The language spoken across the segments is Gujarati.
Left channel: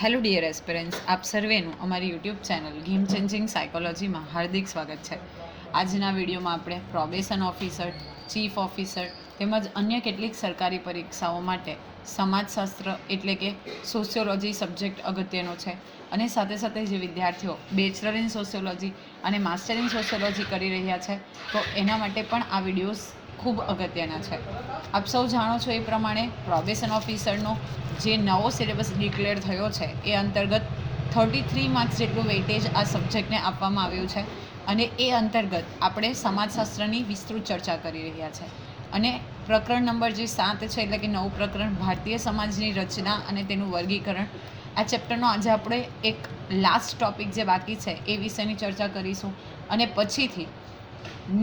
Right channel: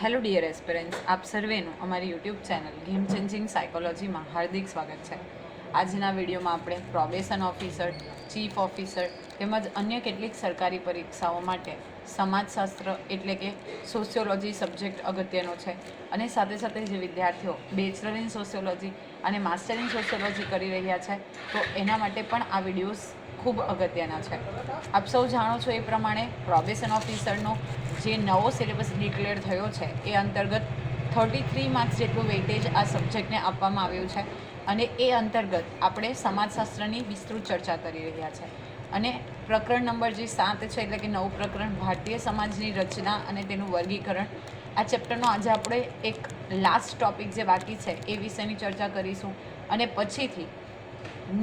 હેલો ડિયર એસ્પિરન્ટ્સ, આપ સર્વેનું અમારી યુટ્યુબ ચેનલ ગેમ ચેન્જિંગ સાયકોલોજીમાં હાર્દિક સ્વાગત છે. આજના વિડીયોમાં આપણે પ્રોબેશન ઓફિસર, ચીફ ઓફિસર તેમજ અન્ય કેટલીક સરકારી પરીક્ષાઓ માટે સમાજશાસ્ત્ર એટલે કે સોશિયોલોજી સબ્જેક્ટ અગત્યનો છે અને સાથે સાથે જે વિદ્યાર્થીઓ બેચલર ઇન સોશિયોલોજી અને માસ્ટર ઇન સોશિયોલોજી કરી રહ્યા છે તો એના માટે પણ આ વિડીયોઝ ખૂબ અગત્યના છે. આપ સૌ જાણો છો એ પ્રમાણે પ્રોબેશન ઓફિસરનો જે નવો સિલેબસ ડિક્લેર થયો છે એ અંતર્ગત 33 માર્ક્સ જેટલું વેઇટેજ આ સબ્જેક્ટને આપવામાં આવ્યું છે અને એ અંતર્ગત આપણે સમાજશાસ્ત્રની વિસ્તૃત ચર્ચા કરી રહ્યા છે અને પ્રકરણ નંબર જે 7 છે એટલે કે નવું પ્રકરણ ભારતીય સમાજની રચના અને તેનું વર્ગીકરણ, આ ચેપ્ટરનો આજે આપણે એક લાસ્ટ ટોપિક જે બાકી છે એ વિશેની ચર્ચા કરીશું અને પછીથી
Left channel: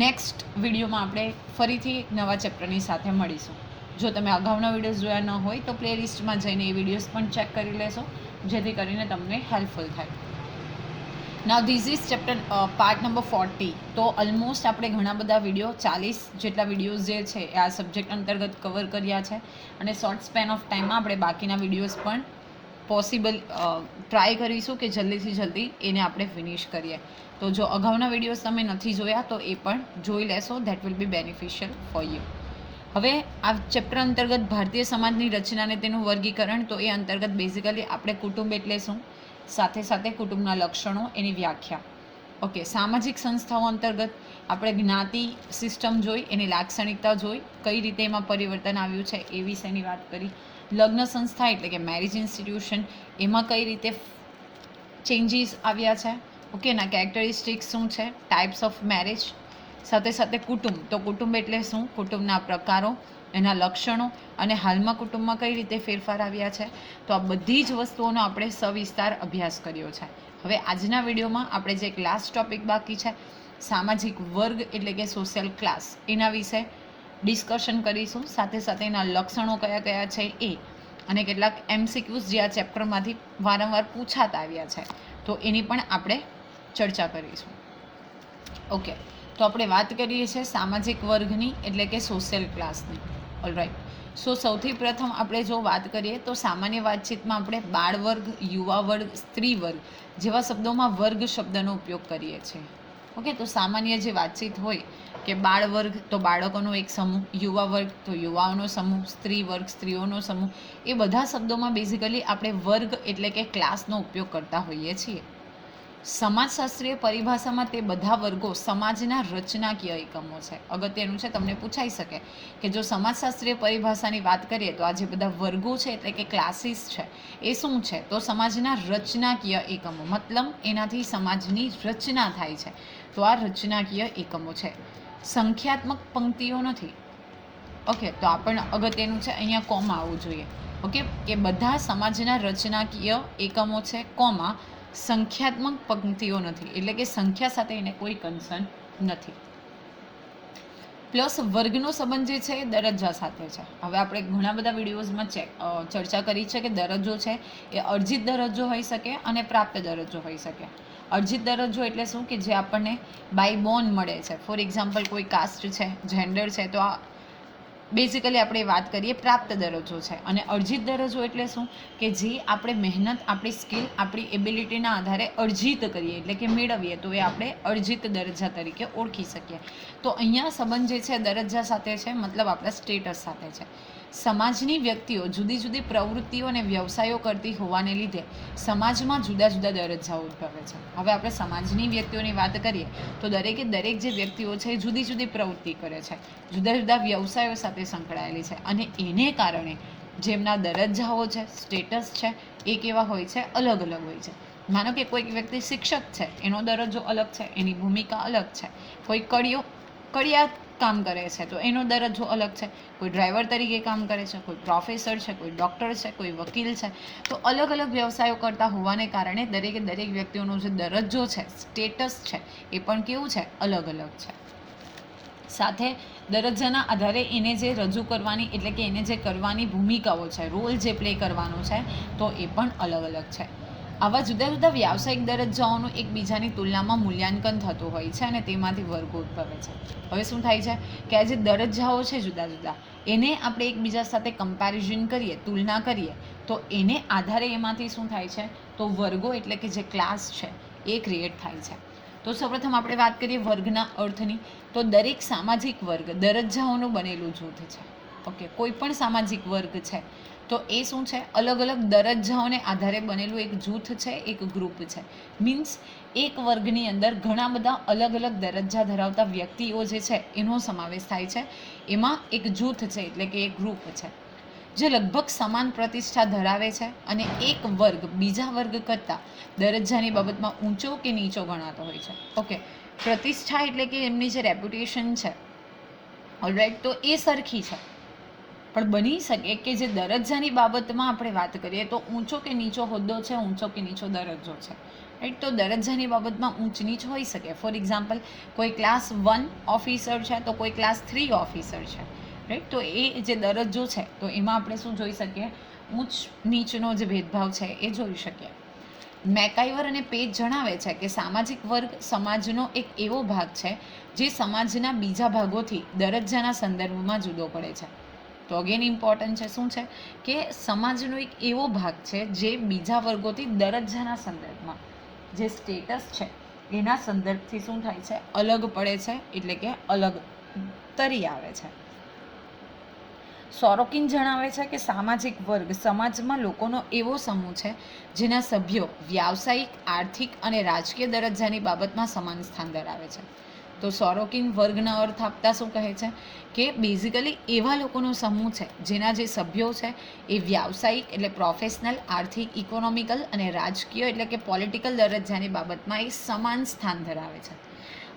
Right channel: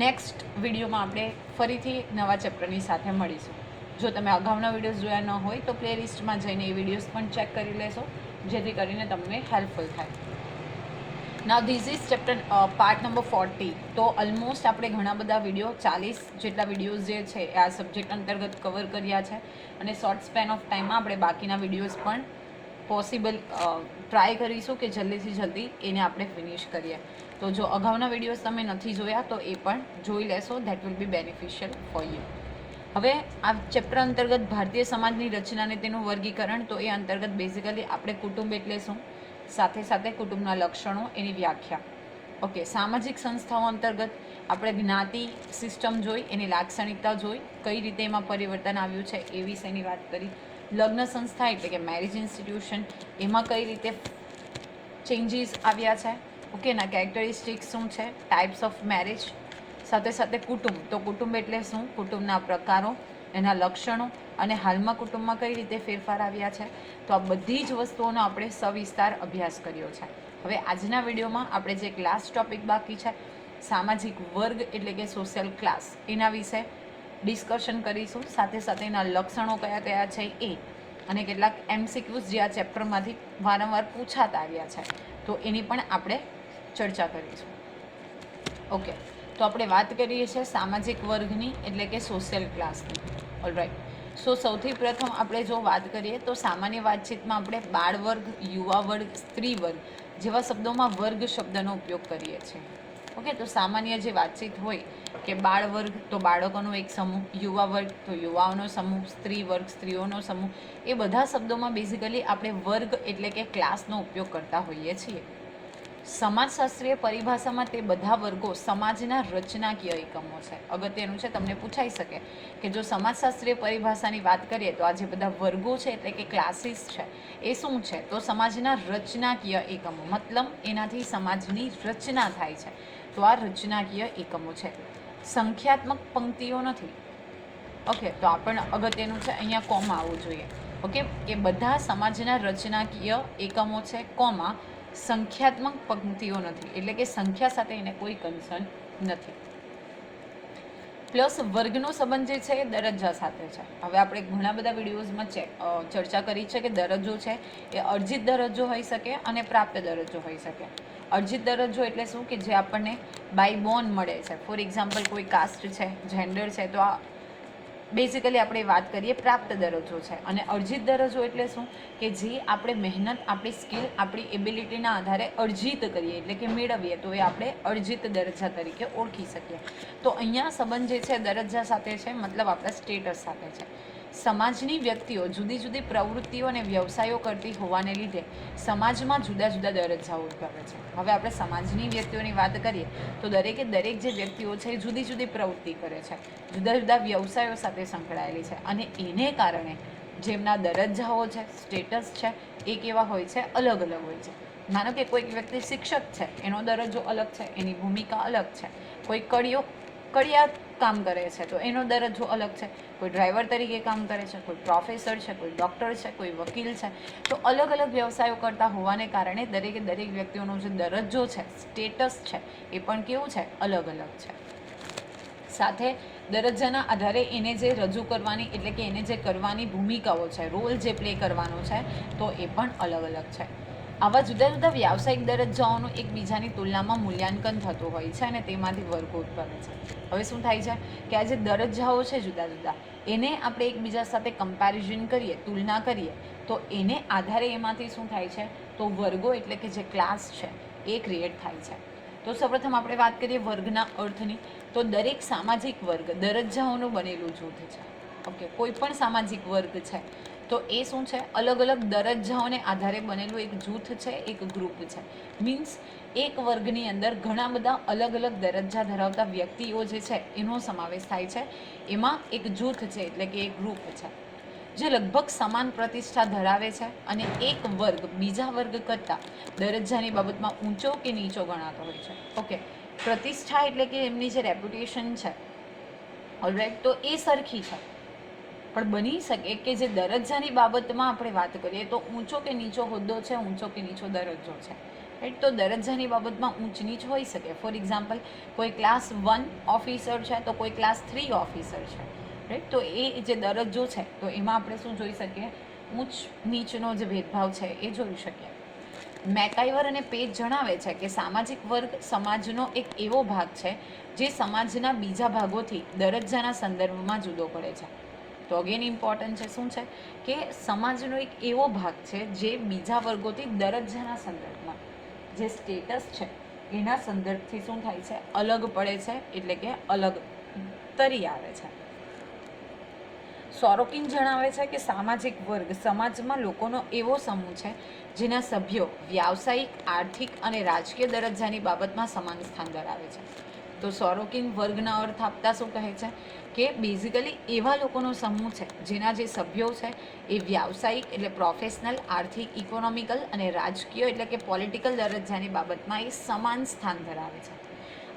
નેક્સ્ટ વિડીયોમાં આપણે ફરીથી નવા ચેપ્ટરની સાથે મળીશું. જો તમે અગાઉના વિડીયોઝ જોયા ન હોય તો પ્લેલિસ્ટમાં જઈને એ વિડીયોઝ પણ ચેક કરી લેશો જેથી કરીને તમને હેલ્પફુલ થાય. Now this is chapter part number 40. તો ઓલમોસ્ટ આપણે ઘણા બધા વિડીયો 40 જેટલા વિડીયોઝ જે છે એ આ સબ્જેક્ટ અંતર્ગત કવર કર્યા છે અને શોર્ટ સ્પેન ઓફ ટાઈમમાં આપણે બાકીના વિડીયોઝ પણ પોસિબલ ટ્રાય કરીશું કે જલ્દીથી જલ્દી એને આપણે ફિનિશ કરીએ. તો જો અગાઉના વિડીયોઝ તમે નથી જોયા તો એ પણ જોઈ લેશો. That will be beneficial for you. હવે આ ચેપ્ટર અંતર્ગત ભારતીય સમાજની રચના અને તેનું વર્ગીકરણ, તો એ અંતર્ગત બેઝિકલી આપણે કુટુંબ એટલે શું, સાથે સાથે કુટુંબના લક્ષણો, એની વ્યાખ્યા. ઓકે, સામાજિક સંસ્થાઓ અંતર્ગત આપણે જ્ઞાતિ સિસ્ટમ જોઈ, એની લાક્ષણિકતા જોઈ, કઈ રીતે એમાં પરિવર્તન આવ્યું છે એ વિશેની વાત કરી. લગ્ન સંસ્થા એટલે કે મેરેજ ઇન્સ્ટિટ્યુશન, એમાં કઈ રીતે ચેન્જીસ આવ્યા છે, ઓકે, એના કેરેક્ટરિસ્ટિક્સ શું છે, ટાઈપ્સ ઓફ મેરેજ. સાથે સાથે કુટુંબ, તો કુટુંબ એટલે શું, કુટુંબના પ્રકારો, એના લક્ષણો અને હાલમાં કુટુંબમાં કઈ રીતે ફેરફાર આવ્યા છે. તો આ બધી જ વસ્તુઓનો આપણે સવિસ્તાર અભ્યાસ કર્યો છે. હવે આજના વિડીયોમાં આપણે જે ક્લાસ ટોપિક બાકી છે, સામાજિક વર્ગ એટલે કે સોશિયલ ક્લાસ, એના વિશે ડિસ્કશન કરીશું. સાથે સાથે એના લક્ષણો કયા કયા છે એ અને કેટલાક એમસીક્યુઝ જે આ ચેપ્ટરમાંથી વારંવાર પૂછાતા આવ્યા છે તો એની પણ આપણે ચર્ચા કરીશું. ઓકે, તો આપણે વાત કરીએ છીએ સામાજિક વર્ગની એટલે કે સોશિયલ ક્લાસની. ઓલરાઈટ, સો સૌથી પ્રથમ આપણે જો વાત કરીએ તો સામાન્ય વાતચીતમાં આપણે બાળ વર્ગ, યુવા વર્ગ, સ્ત્રી વર્ગ જેવા શબ્દોમાં વર્ગ શબ્દનો ઉપયોગ કરીએ છીએ. ઓકે, તો સામાન્ય જે વાતચીત હોય કે બાળ વર્ગ તો બાળકોનો એક સમૂહ, યુવા વર્ગ તો યુવાઓનો સમૂહ, સ્ત્રી વર્ગ સ્ત્રીઓનો સમૂહ, એ બધા શબ્દોમાં બેઝિકલી આપણે વર્ગ એટલે કે ક્લાસનો ઉપયોગ કરતા હોઈએ છીએ. સમાજશાસ્ત્રીય પરિભાષામાં તે બધા વર્ગો સમાજના રચનાકીય એકમો છે. અગત્યનું છે, તમને પૂછાઈ શકે કે જો સમાજશાસ્ત્રીય પરિભાષાની વાત કરીએ તો આ જે બધા વર્ગો છે એટલે કે ક્લાસીસ છે એ શું છે, તો સમાજના રચનાકીય એકમો, મતલબ એનાથી સમાજની રચના થાય છે. તો આ રચનાકીય એકમો છે, સંખ્યાત્મક પંક્તિઓ નથી. ઓકે, તો આ પણ અગત્યનું છે, અહીંયા કોમા આવવું જોઈએ. ઓકે, એ બધા સમાજના રચનાકીય એકમો છે, કોમા સંખ્યાત્મક પંક્તિઓ નથી, એટલે કે સંખ્યા સાથે એને કોઈ કન્સર્ન નથી. પ્લસ વર્ગનો સંબંધ જે છે એ દરજ્જા સાથે છે. હવે આપણે ઘણા બધા વિડીયોઝમાં ચર્ચા કરી છે કે દરજ્જો છે એ અર્જિત દરજ્જો હોઈ શકે અને પ્રાપ્ત દરજ્જો હોઈ શકે. અર્જિત દરજ્જો એટલે શું કે જે આપણને બાય બોર્ન મળે છે. ફોર એક્ઝામ્પલ કોઈ કાસ્ટ છે, જેન્ડર છે, તો આ બેઝિકલી આપણે વાત કરીએ પ્રાપ્ત દરજ્જો છે. અને અર્જિત દરજ્જો એટલે શું કે જે આપણે મહેનત, આપણી સ્કિલ, આપણી એબિલિટીના આધારે અર્જિત કરીએ એટલે કે મેળવીએ તો એ આપણે અર્જિત દરજ્જા તરીકે ઓળખી શકીએ. તો અહીંયા સંબંધ જે છે દરજ્જા સાથે છે, મતલબ આપણા સ્ટેટસ સાથે છે. સમાજની વ્યક્તિઓ જુદી જુદી પ્રવૃત્તિઓ અને વ્યવસાયો કરતી હોવાને લીધે સમાજમાં જુદા જુદા દરજ્જાઓ ઉદ્ભવે છે. હવે આપણે સમાજની વ્યક્તિઓની વાત કરીએ તો દરેકે દરેક જે વ્યક્તિઓ છે એ જુદી જુદી પ્રવૃત્તિ કરે છે, જુદા જુદા વ્યવસાયો સાથે સંકળાયેલી છે અને એને કારણે જેમના દરજ્જાઓ છે, સ્ટેટસ છે એ કેવા હોય છે, અલગ અલગ હોય છે. માનો કે કોઈક વ્યક્તિ શિક્ષક છે, એનો દરજ્જો અલગ છે, એની ભૂમિકા અલગ છે. કોઈ કડિયા કામ કરે છે તો એનો દરજ્જો અલગ છે. કોઈ ડ્રાઈવર તરીકે કામ કરે છે, કોઈ પ્રોફેસર છે, કોઈ ડૉક્ટર છે, કોઈ વકીલ છે. તો અલગ અલગ વ્યવસાયો કરતા હોવાને કારણે દરેકે દરેક વ્યક્તિઓનો જે દરજ્જો છે, સ્ટેટસ છે, એ પણ કેવું છે, અલગ અલગ છે. સાથે દરજ્જાના આધારે એને જે રજૂ કરવાની એટલે કે એને જે કરવાની ભૂમિકાઓ છે, રોલ જે પ્લે કરવાનો છે, તો એ પણ અલગ અલગ છે. આવા જુદા જુદા વ્યાવસાયિક દરજ્જાઓનું એકબીજાની તુલનામાં મૂલ્યાંકન થતું હોય છે અને તેમાંથી વર્ગો ઉદ્ભવે છે. હવે શું થાય છે કે આ જે દરજ્જાઓ છે જુદા જુદા, એને આપણે એકબીજા સાથે કમ્પેરિઝન કરીએ, તુલના કરીએ, તો એને આધારે એમાંથી શું થાય છે, તો વર્ગો એટલે કે જે ક્લાસ છે એ ક્રિએટ થાય છે. તો સૌપ્રથમ આપણે વાત કરીએ વર્ગના અર્થની. તો દરેક સામાજિક વર્ગ દરજ્જાઓનું બનેલું જૂથ છે. ઓકે, કોઈ પણ સામાજિક વર્ગ છે તો એ શું છે, અલગ અલગ દરજ્જાઓને આધારે બનેલું એક જૂથ છે, એક ગ્રુપ છે. મીન્સ એક વર્ગની અંદર ઘણા બધા અલગ અલગ દરજ્જા ધરાવતા વ્યક્તિઓ જે છે એનો સમાવેશ થાય છે. એમાં એક જૂથ છે એટલે કે એક ગ્રુપ છે જે લગભગ સમાન પ્રતિષ્ઠા ધરાવે છે અને એક વર્ગ બીજા વર્ગ કરતાં દરજ્જાની બાબતમાં ઊંચો કે નીચો ગણાતો હોય છે. ઓકે, પ્રતિષ્ઠા એટલે કે એમની જે રેપ્યુટેશન છે, ઓલરાઈટ, તો એ સરખી છે. પણ બની શકે કે જે દરજ્જાની બાબતમાં આપણે વાત કરીએ તો ઊંચો કે નીચો હોદ્દો છે, ઊંચો કે નીચો દરજ્જો છે, રાઈટ. તો દરજ્જાની બાબતમાં ઊંચ નીચ હોઈ શકે. ફોર એક્ઝામ્પલ, કોઈ ક્લાસ 1 ઓફિસર છે તો કોઈ ક્લાસ 3 ઓફિસર છે, રાઈટ. તો એ જે દરજ્જો છે તો એમાં આપણે શું જોઈ શકીએ, ઊંચ નીચનો જે ભેદભાવ છે એ જોઈ શકીએ. મેકાઈવર અને પેજ જણાવે છે કે સામાજિક વર્ગ સમાજનો એક એવો ભાગ છે જે સમાજના બીજા ભાગોથી દરજ્જાના સંદર્ભમાં જુદો પડે છે. તો અગેન ઇમ્પોર્ટન્ટ છે, શું છે કે સમાજનો એક એવો ભાગ છે જે બીજા વર્ગોથી દરજ્જાના સંદર્ભમાં જે સ્ટેટસ છે એના સંદર્ભથી શું થાય છે, અલગ પડે છે, એટલે કે અલગ તરી આવે છે. સોરોકિન જણાવે છે કે સામાજિક વર્ગ સમાજમાં લોકોનો એવો સમૂહ છે જેના સભ્યો વ્યાવસાયિક, આર્થિક અને રાજકીય દરજ્જાની બાબતમાં સમાન સ્થાન ધરાવે છે. તો સોરોકિન વર્ગના અર્થ આપતા શું કહે છે કે બેઝિકલી એવા લોકોનો સમૂહ છે જેના જે સભ્યો છે એ વ્યાવસાયિક એટલે પ્રોફેશનલ, આર્થિક, ઇકોનોમિકલ અને રાજકીય એટલે કે પોલિટિકલ દરજ્જાની બાબતમાં એ સમાન સ્થાન ધરાવે છે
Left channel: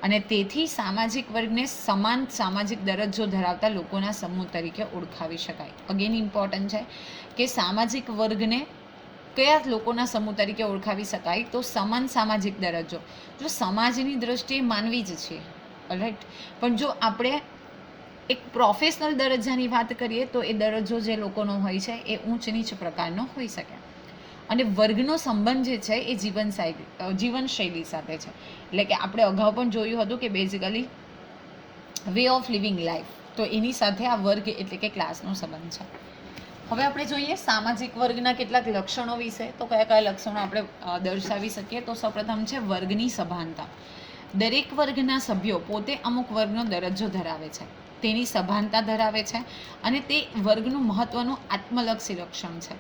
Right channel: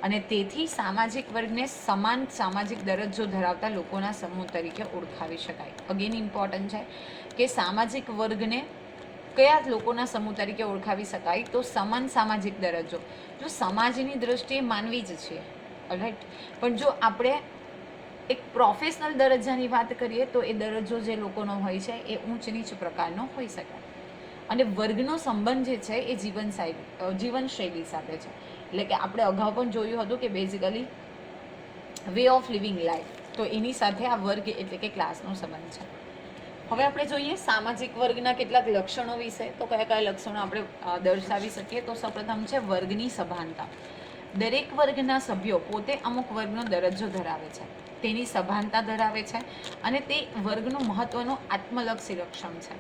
અને તેથી સામાજિક વર્ગને સમાન સામાજિક દરજ્જો ધરાવતા લોકોના સમૂહ તરીકે ઓળખાવી શકાય. અગેન ઇમ્પોર્ટન્ટ છે કે સામાજિક વર્ગને કયા લોકોના સમૂહ તરીકે ઓળખાવી શકાય, તો સમાન સામાજિક દરજ્જો. જો સમાજની દ્રષ્ટિએ માનવી જ છીએ, રાઈટ, પણ જો આપણે એક પ્રોફેશનલ દરજ્જાની વાત કરીએ તો એ દરજ્જો જે લોકોનો હોય છે એ ઊંચ નીચ પ્રકારનો હોઈ શકે. અને વર્ગનો સંબંધ જે છે એ જીવનશૈલી સાથે છે. એટલે કે આપણે અગાઉ પણ જોયું હતું કે basically way of living life, તો એની સાથે આ વર્ગ એટલે કે ક્લાસનો સંબંધ છે. હવે આપણે જોઈએ સામાજિક વર્ગના કેટલાક લક્ષણો વિશે. તો કયા કયા લક્ષણો આપણે દર્શાવી શકીએ, તો સૌપ્રથમ છે વર્ગની સભાનતા. દરેક વર્ગના સભ્યો પોતે અમુક વર્ગનો દરજ્જો ધરાવે છે, તેની સભાનતા ધરાવે છે અને તે વર્ગનું મહત્વનું આત્મલક્ષી લક્ષણ છે.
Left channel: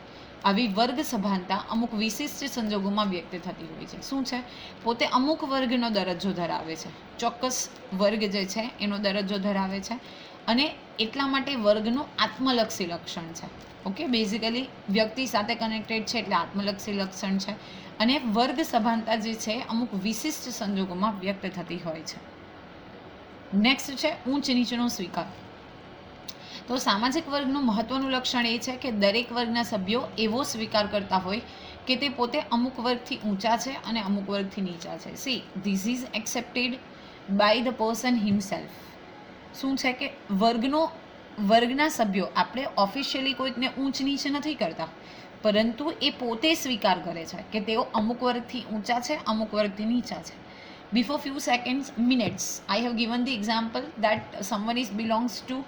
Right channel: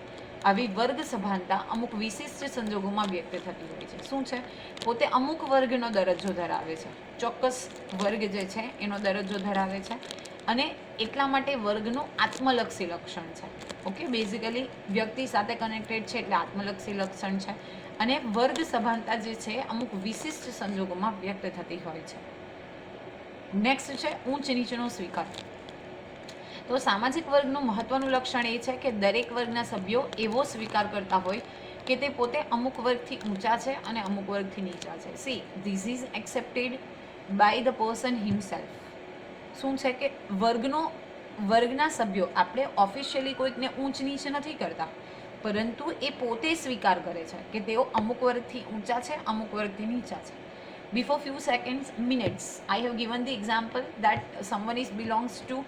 આવી વર્ગ સભાનતા અમુક વિશિષ્ટ સંજોગોમાં વ્યક્ત થતી હોય છે. શું છે, પોતે અમુક વર્ગનો દરજ્જો ધરાવે છે, ચોક્કસ વર્ગ જે છે એનો દરજ્જો ધરાવે છે અને એટલા માટે વર્ગનું આત્મલક્ષી લક્ષણ છે. ઓકે, બેઝિકલી વ્યક્તિ સાથે કનેક્ટેડ છે એટલે આત્મલક્ષી લક્ષણ છે અને વર્ગ સભાનતા જે છે અમુક વિશિષ્ટ સંજોગોમાં વ્યક્ત થતી હોય છે. નેક્સ્ટ છે ઊંચ નીચનો સ્વીકાર. તો સામાજિક વર્ગનું મહત્વનું લક્ષણ એ છે કે દરેક વર્ગના સભ્યો એવો સ્વીકાર કરતા હોય કે તે પોતે અમુક વર્ગથી ઊંચા છે અને અમુક વર્ગથી નીચા છે. See, this is accepted by the person himself. શું છે કે વર્ગના સભ્યો આપણે ઓફિશિયલી કોઈકને ઊંચ નીચ નથી કરતા, પરંતુ એ પોતે સ્વીકાર કરે છે કે તેઓ અમુક વર્ગથી ઊંચા છે, અમુક વર્ગથી નીચા છે. Before few seconds, minutes, I have given the example that someone belongs to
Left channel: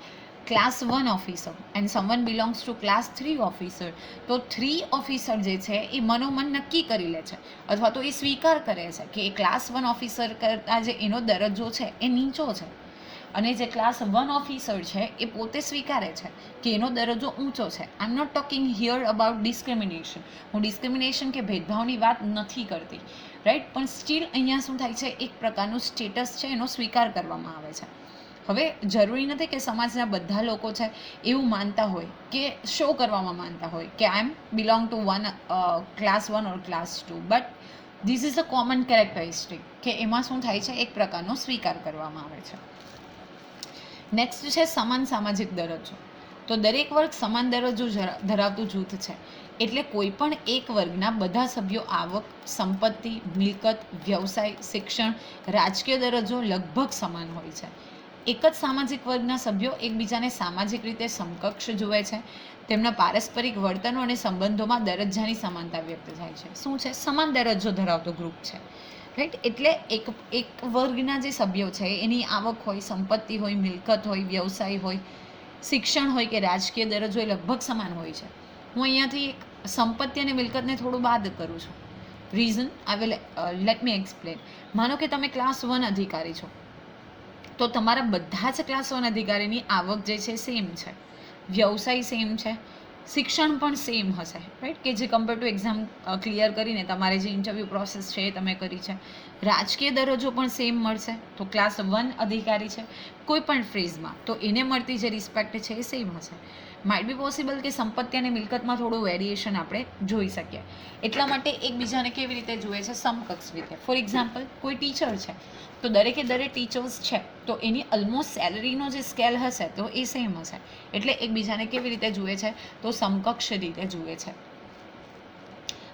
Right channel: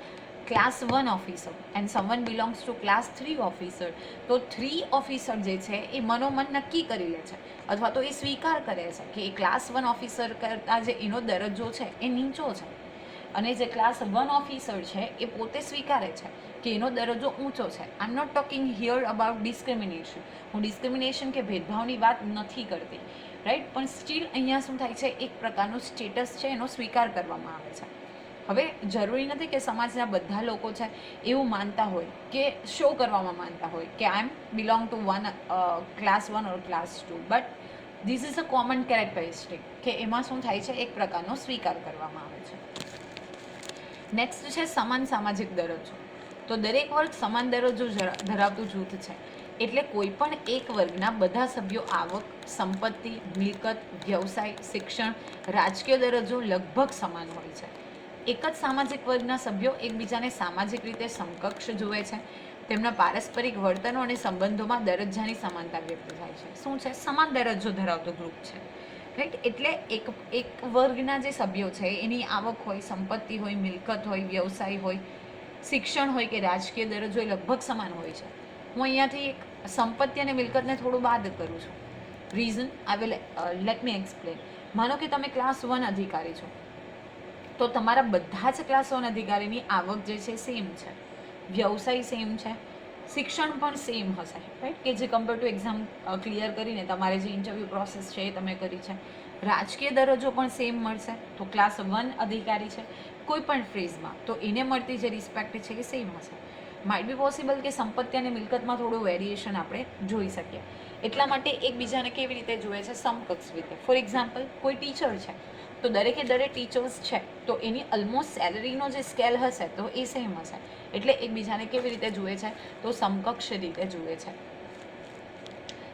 class 1 officer and someone belongs to class 3 officer. તો 3 ઓફિસર જે છે એ મનોમન નક્કી કરી લે છે અથવા તો એ સ્વીકાર કરે છે કે એ ક્લાસ 1 ઓફિસર કરતાં જે એનો દરજ્જો છે એ નીચો છે અને જે ક્લાસ 1 ઓફિસર છે એ પોતે સ્વીકારે છે કે એનો દરજ્જો ઊંચો છે. I am not talking here about discrimination. હું ડિસ્ક્રિમિનેશન કે ભેદભાવની વાત નથી કરતી, રાઈટ, પણ સ્ટીલ અહીંયા શું થાય છે, એક પ્રકારનું સ્ટેટસ છે એનો સ્વીકાર કરવામાં આવે છે. હવે જરૂરી નથી કે સમાજના બધા લોકો છે એવું માનતા હોય કે શો કરવામાં માનતા હોય કે I am belong to class 1 or class 2, but this is a common characteristic કે એમાં શું થાય છે, એક પ્રકારનો સ્વીકાર કરવામાં આવે છે. નેક્સ્ટ છે સમાન સામાજિક દરજ્જો. તો દરેક વર્ગ સમાન દરજ્જો ધરાવતું જૂથ છે, એટલે કોઈ પણ એક વર્ગના બધા સભ્યો આવક, સંપત્તિ, મિલકત, વ્યવસાય, શિક્ષણ, રાજકીય દરજ્જો લગભગ સમાન હોય છે. એક જ સામાજિક વર્ગના સભ્યો એકબીજાને સામાજિક રીતે સમકક્ષ જુએ છે. તેમના પારસ્પરિક વર્તનો અને સંબંધોમાં દરજ્જાની સમાનતા વ્યક્ત થાય છે. શું છે, સમાન દરજ્જો ધરાવતો ગ્રુપ છે, રાઈટ. એટલે એક વર્ગના જે સભ્યો છે એની આવક હોય, સંપત્તિ હોય, મિલકત હોય, વ્યવસાય હોય, શિક્ષણ હોય કે રાજકીય દરજ્જો એ લગભગ સમાન હોય છે. હું અહીંયાથી એક સંપત્તિ અને મિલકતને થોડું બાદ કરું છું. Reason I will let me explain. માનો કે તમે ક્લાસ 1 અધિકારી છો, તો તમારા બધા જ ક્લાસ 1 અધિકારીની આવક જે છે સેમ છે, વ્યવસાય સેમ છે, શિક્ષણ પણ સેમ હશે, રાઈટ, કે જે કમ્પેર ટુ એક્ઝામ ક્લિયર કરીને તમારે જે ઇન્ટરવ્યૂ પ્રોસેસ છે એ તમે કરી છે. રાજકીય દરજ્જો પણ સેમ મળશે. તો ક્લાસ 1 અધિકારી છે કોઈ પણ ફેઝમાં, તો એને મળતી જે રિસ્પેક્ટ છે એ સેમ હશે. માઇટ બી પોસિબલ કે સંપત્તિ અને મિલકતમાં થોડું વેરિએશન આપણે જોઈ શકીએ. એટલા માટે એકબીજાને કેવી રીતે જુએ છે? સમકક્ષ રીતે. ફોર એક્ઝામ્પલ, કોઈ ટીચર છે તો દરેકે દરેક ટીચર્સ છે તો એની ઓલમોસ્ટ સેલરીનો જે સ્કેલ હશે તો એ સેમ હશે. એટલે એકબીજાને કેવી રીતે જુએ છે? તો સમકક્ષ રીતે જુએ છે.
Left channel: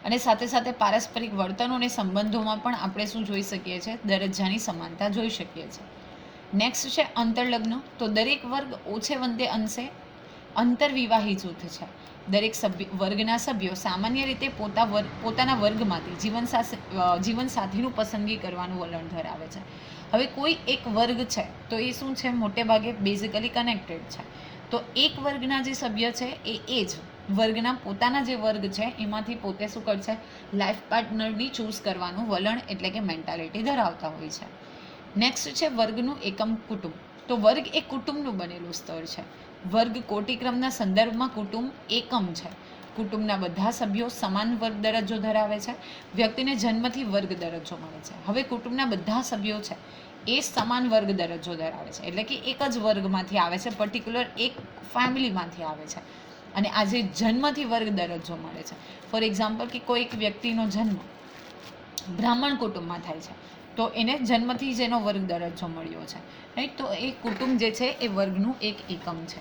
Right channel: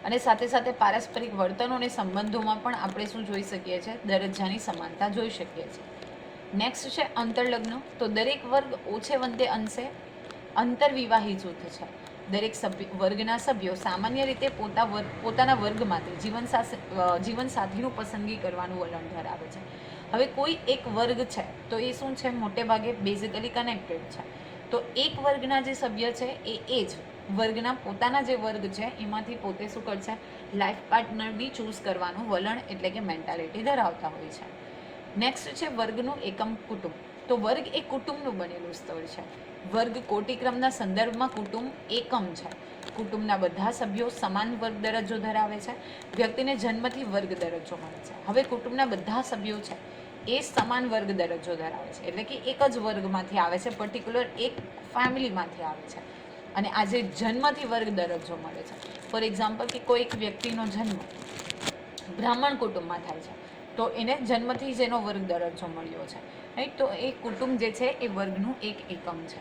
અને સાથે સાથે પારસ્પરિક વર્તનો અને સંબંધોમાં પણ આપણે શું જોઈ શકીએ છીએ? દરજ્જાની સમાનતા જોઈ શકીએ છીએ. નેક્સ્ટ છે અંતરલગ્ન. તો દરેક વર્ગ ઓછે વંતે અંશે અંતરવિવાહી જૂથ છે. દરેક વર્ગના સભ્યો સામાન્ય રીતે પોતાના વર્ગમાંથી જીવનસાથીનું પસંદગી કરવાનું વલણ ધરાવે છે. હવે કોઈ એક વર્ગ છે તો એ શું છે? મોટે ભાગે બેઝિકલી કનેક્ટેડ છે. તો એક વર્ગના જે સભ્ય છે એ જ વર્ગના પોતાના જે વર્ગ છે એમાંથી પોતે શું કરશે? લાઈફ પાર્ટનરની ચૂઝ કરવાનું વલણ એટલે કે મેન્ટાલિટી ધરાવતા હોય છે. નેક્સ્ટ છે વર્ગનું એકમ કુટુંબ. તો વર્ગ એ કુટુંબનું બનેલું સ્તર છે. વર્ગ કોટિક્રમના સંદર્ભમાં કુટુંબ એકમ છે. કુટુંબના બધા સભ્યો સમાન વર્ગ દરજ્જો ધરાવે છે. વ્યક્તિને જન્મથી વર્ગ દરજ્જો મળે છે. હવે કુટુંબના બધા સભ્યો છે એ સમાન વર્ગ દરજ્જો ધરાવે છે, એટલે કે એક જ વર્ગમાંથી આવે છે, પર્ટિક્યુલર એક ફેમિલીમાંથી આવે છે. અને આજે જન્મથી વર્ગ દરજ્જો મળે છે. ફોર એક્ઝામ્પલ, કે કોઈ એક વ્યક્તિનો જન્મ બ્રાહ્મણ કુટુંબમાં થાય છે તો એને જન્મથી જ એનો વર્ગ દરજ્જો મળ્યો છે, રાઈટ. તો એ કુટુંબ જે છે એ વર્ગનું એક એકમ છે.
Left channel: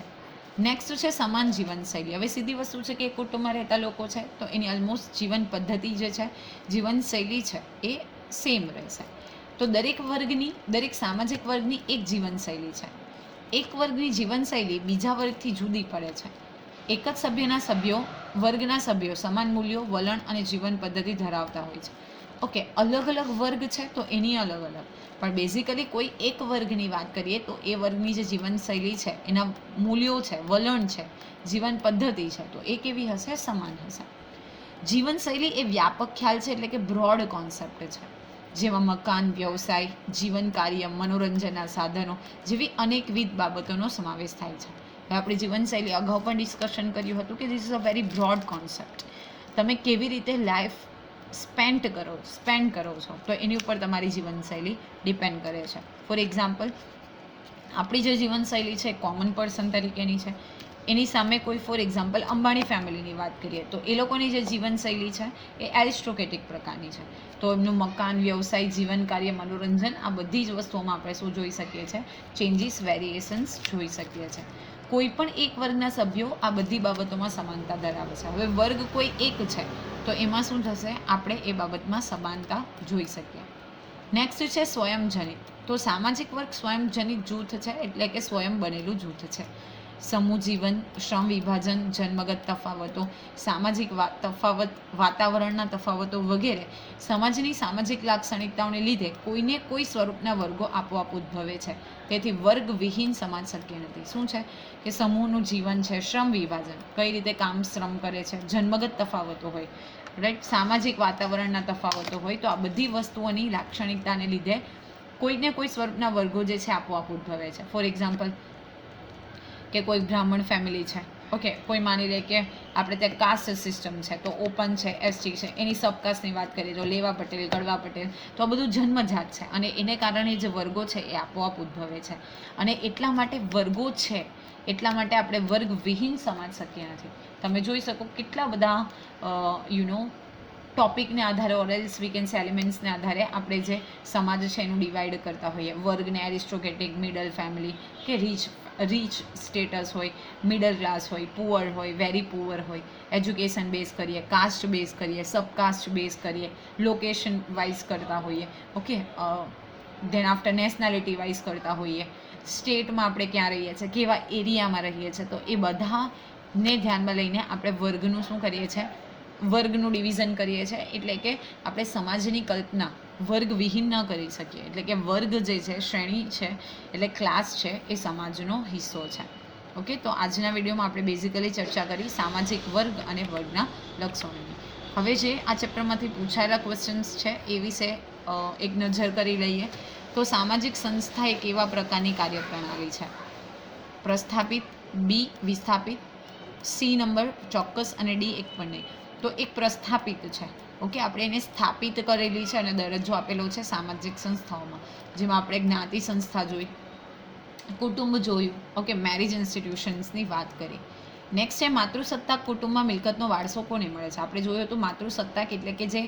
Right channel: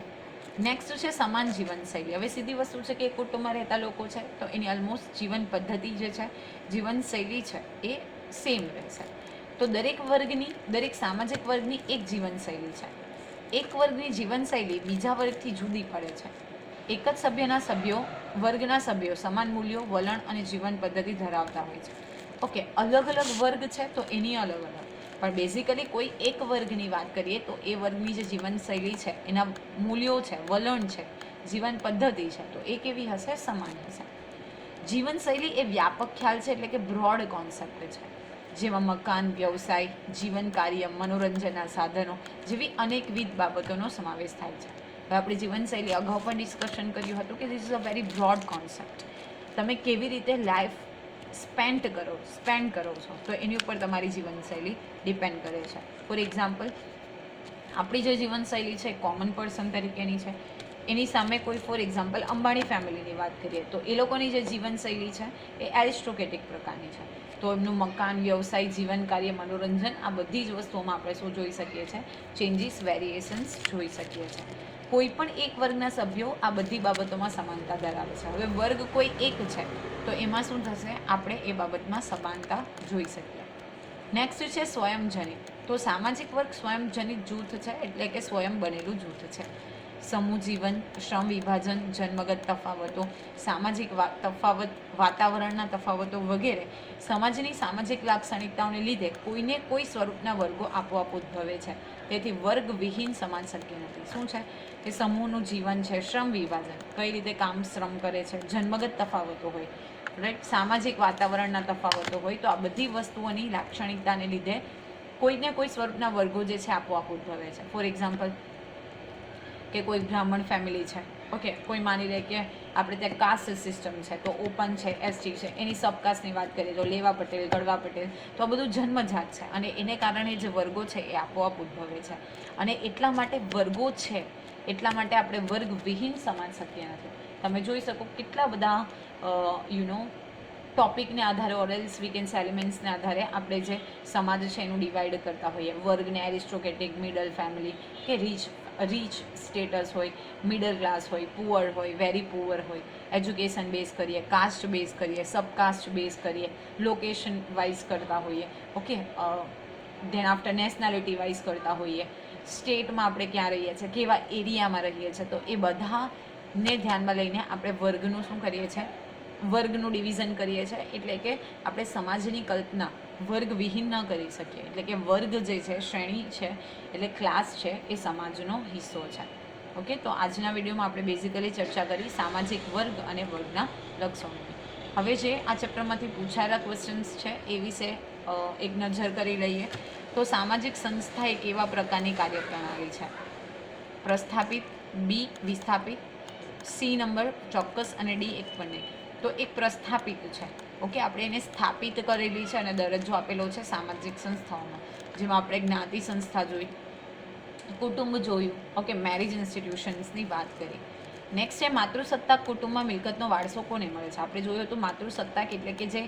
નેક્સ્ટ છે સમાન જીવનશૈલી. હવે સીધી વસ્તુ છે કે કુટુંબમાં રહેતા લોકો છે તો એની ઓલમોસ્ટ જીવન પદ્ધતિ જે છે, જીવનશૈલી છે એ સેમ રહેશે. તો દરેક સામાજિક વર્ગની એક જીવનશૈલી છે. એક વર્ગની જીવનશૈલી બીજા વર્ગથી જુદી પડે છે. એક જ વર્ગના સભ્યો સમાન મૂલ્યો, વલણ અને જીવન પદ્ધતિ ધરાવતા હોય છે. ઓકે, અલગ અલગ વર્ગ છે તો એની અલગ અલગ, પણ બેઝિકલી કોઈ એક વર્ગની વાત કરીએ તો એ વર્ગની જે જીવનશૈલી છે, એના મૂલ્યો છે, વલણ છે, જીવન પદ્ધતિ છે, તો એ કેવી હશે? સમાન હશે. જીવનશૈલી એ વ્યાપક ખ્યાલ છે, એટલે કે બ્રોડ કોન્સેપ્ટ છે, જેમાં મકાન, વ્યવસાય, જીવન કાર્ય, મનોરંજનના સાધનો જેવી અનેકવિધ બાબતોનો સમાવેશ થાય છે. હવે આપણી જીવનશૈલી અગાઉ પણ ડિસ્કશન કર્યું હતું કે this is a very broad concept. તમે કેવી રીતે લાઈફ સ્પેન્ડ કરો છો તો એની ઉપર તમારી જીવનશૈલી ડિપેન્ડ કરે છે. ફોર એક્ઝામ્પલ, આપણી જે જીવનશૈલી છે કોમન પર્સન તરીકેની છે, એની સામે કોઈ ફોર એક્ઝામ્પલ અંબાણી ફેમિલીની વાત કરીએ તો એ લોકોની જે જીવનશૈલી છે એ એરિસ્ટોક્રેટિક પ્રકારની છે. તો એમનું મકાન, વ્યવસાય, જીવન કાર્ય, મનોરંજન, આ બધી જ વસ્તુઓમાં આપણે શું જોઈ શકીએ છીએ? ચેન્જીસ, વેરિએશન્સ જોઈ શકીએ છીએ. કોઈ પણ એક વર્ગના સભ્યો આ બધી બાબતોમાં સમાનતા ધરાવે છે. હવે વર્ગ કોઈ એક છે તો એમાં શું થશે? આપણે એ બાબતમાં સમાનતા જોઈ શકીએ. નેક્સ્ટ છે સ્વયંજનિત. તો સામાજિક વર્ગ સ્વયંજનિત જૂથ છે, એટલે કે સ્વયં બનેલું જૂથ છે. સમૂહ જીવન, શ્રમ વિભાજન, જન્મગત તફાવતો, સામાજિક વાતાવરણના તફાવતો વગેરે સમાજની સામાજિક લાક્ષણિકતાઓને લીધે કોઈને કોઈ સ્વરૂપના વર્ગો આપોઆપ ઉદ્ભવે છે. તેથી વર્ગ વિહીન સમાજ શક્ય નથી. શું છે? કે સમૂહનું જીવન છે, શ્રમ વિભાજન, કઈ રીતે કામ શ્રમ કરે છે, જન્મગત તફાવતો હોય, રાઈટ, સામાજિક વાતાવરણના તફાવતો હોય, તો આ બધી વસ્તુઓની લાક્ષણિકતાને લીધે કોઈને કોઈ સ્વરૂપના વર્ગો જે છે આપોઆપ ઉદ્ભવે છે. ફોર એક્ઝામ્પલ, કે કોઈ બ્રાહ્મણ ફેમિલી છે, ઓકે, કોઈ માની લે કે આપણે ત્યાં કાસ્ટ સિસ્ટમ છે તો ઓપન છે, એસટી છે, એની સબકાસ્ટની વાત કરીએ તો લેવા પટેલ, ગળવા પટેલ, તો આ બધું જન્મજાત છે અને એને કારણે જે વર્ગો છે એ આપોઆપ ઉદ્ભવે છે. અને એટલા માટે વર્ગો છે, એટલા માટે આપણે વર્ગ વિહીન સમાજ શક્ય નથી. તમે જોઈ શકો કેટલા બધા ટોપિકને આધારે ઓરેલ્સ વીકેન્સ એલિમેન્ટ્સને આધારે આપણે જે સમાજ છે એનું ડિવાઈડ કરતા હોઈએ. વર્ગને એરિસ્ટોક્રેટિક, મિડલ ફેમિલી, કે રીચ સ્ટેટસ હોય, મિડલ ક્લાસ હોય, પુઅર હોય, વેરી પુઅર હોય, એજ્યુકેશન બેઝ કરીએ, કાસ્ટ બેઝ કરીએ, સબકાસ્ટ બેઝ કરીએ, લોકેશન વાઇઝ કરતા હોઈએ, okay, than after nationality wise કરતા હોઈએ, સ્ટેટમાં આપણે ક્યાં રહીએ છીએ, કેવા એરિયામાં રહીએ છીએ, તો એ બધાને ધ્યાનમાં લઈને આપણે વર્ગનું શું કરીએ છીએ? વર્ગનું ડિવિઝન કરીએ છીએ. એટલે કે આપણે સમાજની કલ્પના વર્ગ વિહીન ન કરી શકીએ. એટલે કે વર્ગ જે છે, શ્રેણી છે, એટલે ક્લાસ છે, એ સમાજનો હિસ્સો છે. ઓકે, તો આજના વિડીયોમાં આપણે બેઝિકલી ચર્ચા કરી સામાજિક વર્ગ અને વર્ગના લક્ષણોની. હવે જે આ ચેપ્ટરમાંથી પૂછાયેલા ક્વેશ્ચન્સ છે એ વિશે એક નજર કરી લઈએ. તો સામાજિક સંસ્થા એક એવા પ્રકારની કાર્યપ્રણાલી છે. પ્રસ્થાપિત, બી વિસ્થાપિત, સી નંબર ચોક્કસ અને ડી એક પણ નહીં. તો એક પ્રસ્થાપિત છે. ઓકે, આપણે એને સ્થાપિત કરેલી છે અને દરજ્જો આપેલો છે સામાજિક સંસ્થાઓમાં, જેમાં આપણે જ્ઞાતિ સંસ્થા જોઈ, કુટુંબ જોયું, ઓકે, મેરેજ ઇન્સ્ટિટ્યુશન્સની વાત કરી. નેક્સ્ટ છે માતૃસત્તાક કુટુંબમાં મિલકતનો વારસો કોને મળે છે. આપણે જોયું હતું માતૃસત્તાક એટલે કે જે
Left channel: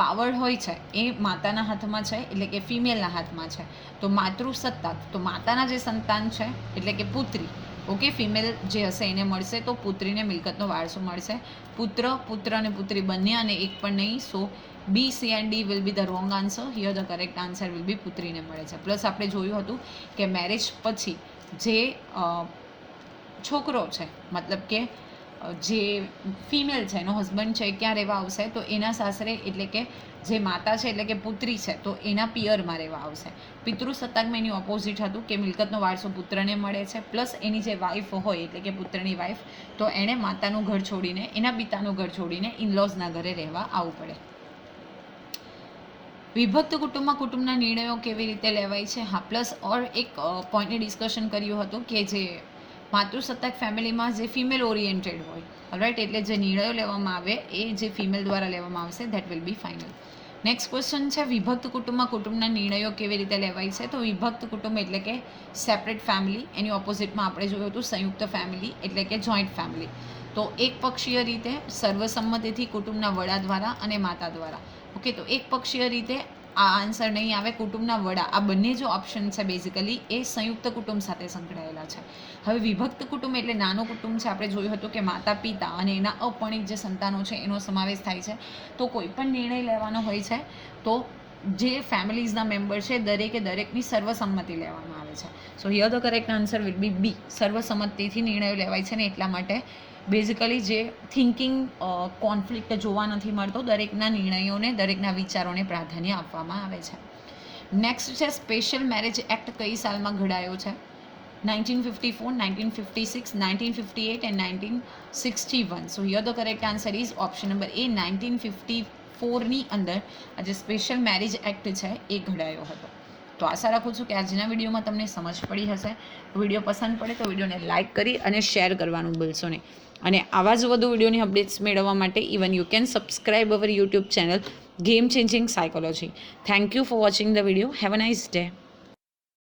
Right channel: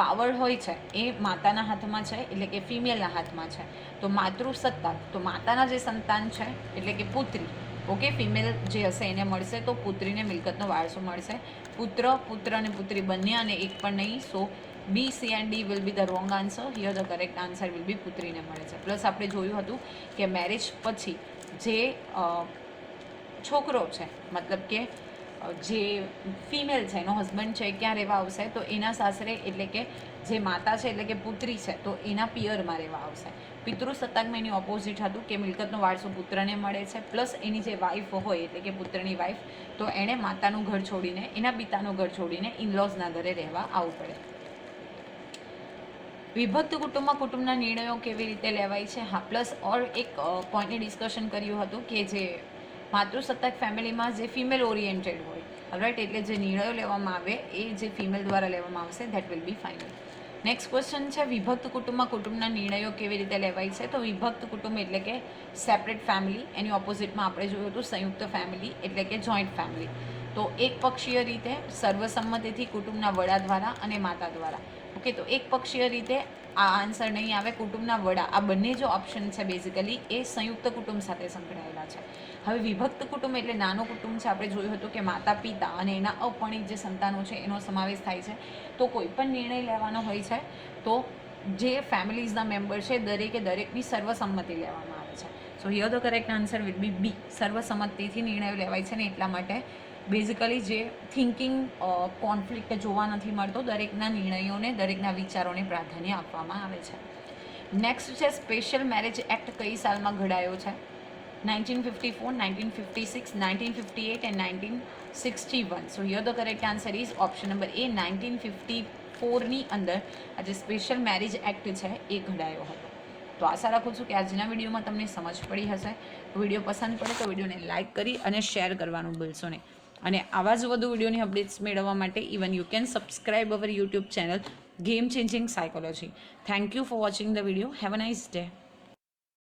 પાવર હોય છે એ માતાના હાથમાં છે, એટલે કે ફિમેલના હાથમાં છે. તો માતૃસત્તાક, તો માતાના જે સંતાન છે એટલે કે પુત્રી, ઓકે, ફિમેલ જે હશે એને મળશે, તો પુત્રીને મિલકતનો વારસો મળશે. પુત્ર અને પુત્રી બંને અને એક પણ નહીં. So B, C and D will be the wrong answer. Here the correct answer will be પુત્રીને મળે છે. પ્લસ આપણે જોયું હતું કે મેરેજ પછી જે છોકરો છે, મતલબ કે જે ફિમેલ છે, એનો હસબન્ડ છે, ક્યાં રહેવા આવશે, તો એના સાસરે, એટલે કે જે માતા છે એટલે કે પુત્રી છે, તો એના પિયરમાં રહેવા આવશે. પિતૃસત્તાકમાં એની ઓપોઝિટ હતું કે મિલકતનો વારસો પુત્રને મળે છે, પ્લસ એની જે વાઈફ હોય એટલે કે પુત્રની વાઈફ, તો એણે માતાનું ઘર છોડીને, એના પિતાનું ઘર છોડીને ઇનલોઝના ઘરે રહેવા આવવું પડે. વિભક્ત કુટુંબમાં કુટુંબના નિર્ણયો કેવી રીતે લેવાય છે. હા, પ્લસ ઓર એક પોઈન્ટની ડિસ્કશન કર્યું હતું કે જે માતૃસત્તાક ફેમિલીમાં જે ફિમેલ ઓરિએન્ટેડ હોય, રાઈટ, એટલે જે નિર્ણયો લેવામાં આવે એ જે ફિમેલ દ્વારા લેવામાં આવશે, that will be final. Next question છે વિભક્ત કુટુંબમાં કુટુંબના નિર્ણયો કેવી રીતે લેવાય છે. તો વિભક્ત કુટુંબ એટલે કે સેપરેટ ફેમિલી, એની ઓપોઝિટમાં આપણે જોયું હતું સંયુક્ત ફેમિલી એટલે કે જોઈન્ટ ફેમિલી. તો એક પક્ષીય રીતે સર્વસંમતિથી કુટુંબના વડા દ્વારા અને માતા દ્વારા. ઓકે, તો એક પક્ષીય રીતે આ આન્સર નહીં આવે. કુટુંબના વડા, આ બંને જો ઓપ્શન છે બેઝિકલી એ સંયુક્ત કુટુંબ સાથે સંકળાયેલા છે. હવે વિભક્ત કુટુંબ એટલે નાનું કુટુંબ છે. આપણે જોયું હતું કે માતા પિતા અને એના અપરિણિત જે સંતાનો છે એનો સમાવેશ થાય છે. તો કોઈ પણ નિર્ણય લેવાનો હોય છે તો જે ફેમિલીઝના મેમ્બર છે દરેકની સર્વસંમતિ લેવામાં આવે છે. So here the correct answer will be B. સર્વસંમતિથી નિર્ણયો લેવાય છે ને એટલા માટે બેઝિકલી જે થિંકિંગ કોન્ફ્લિક્ટ જોવા નથી મળતો. દરેકના નિર્ણયોને, દરેકના વિચારોને પ્રાધાન્ય આપવામાં આવે છે. નેક્સ્ટ છે સ્પેશિયલ મેરેજ એક્ટ કઈ સાલમાં ઘડાયો છે. 1954, 1956, 1958 and 1961. So here the correct answer is option number A. 1954ની અંદર આ જે સ્પેશિયલ મેરેજ એક્ટ છે એ ઘડાયો હતો. તો આશા રાખું છું કે આજના વિડીયોમાં તમને સમજ પડી હશે. વિડીયો પસંદ પડે તો વિડીયોને લાઇક કરી અને શેર કરવાનું ભૂલશો નહીં. અને આવા જ વધુ વિડીયોની અપડેટ્સ મેળવવા માટે even you can subscribe our YouTube channel game changing psychology. Thank you for watching the video. Have a nice day.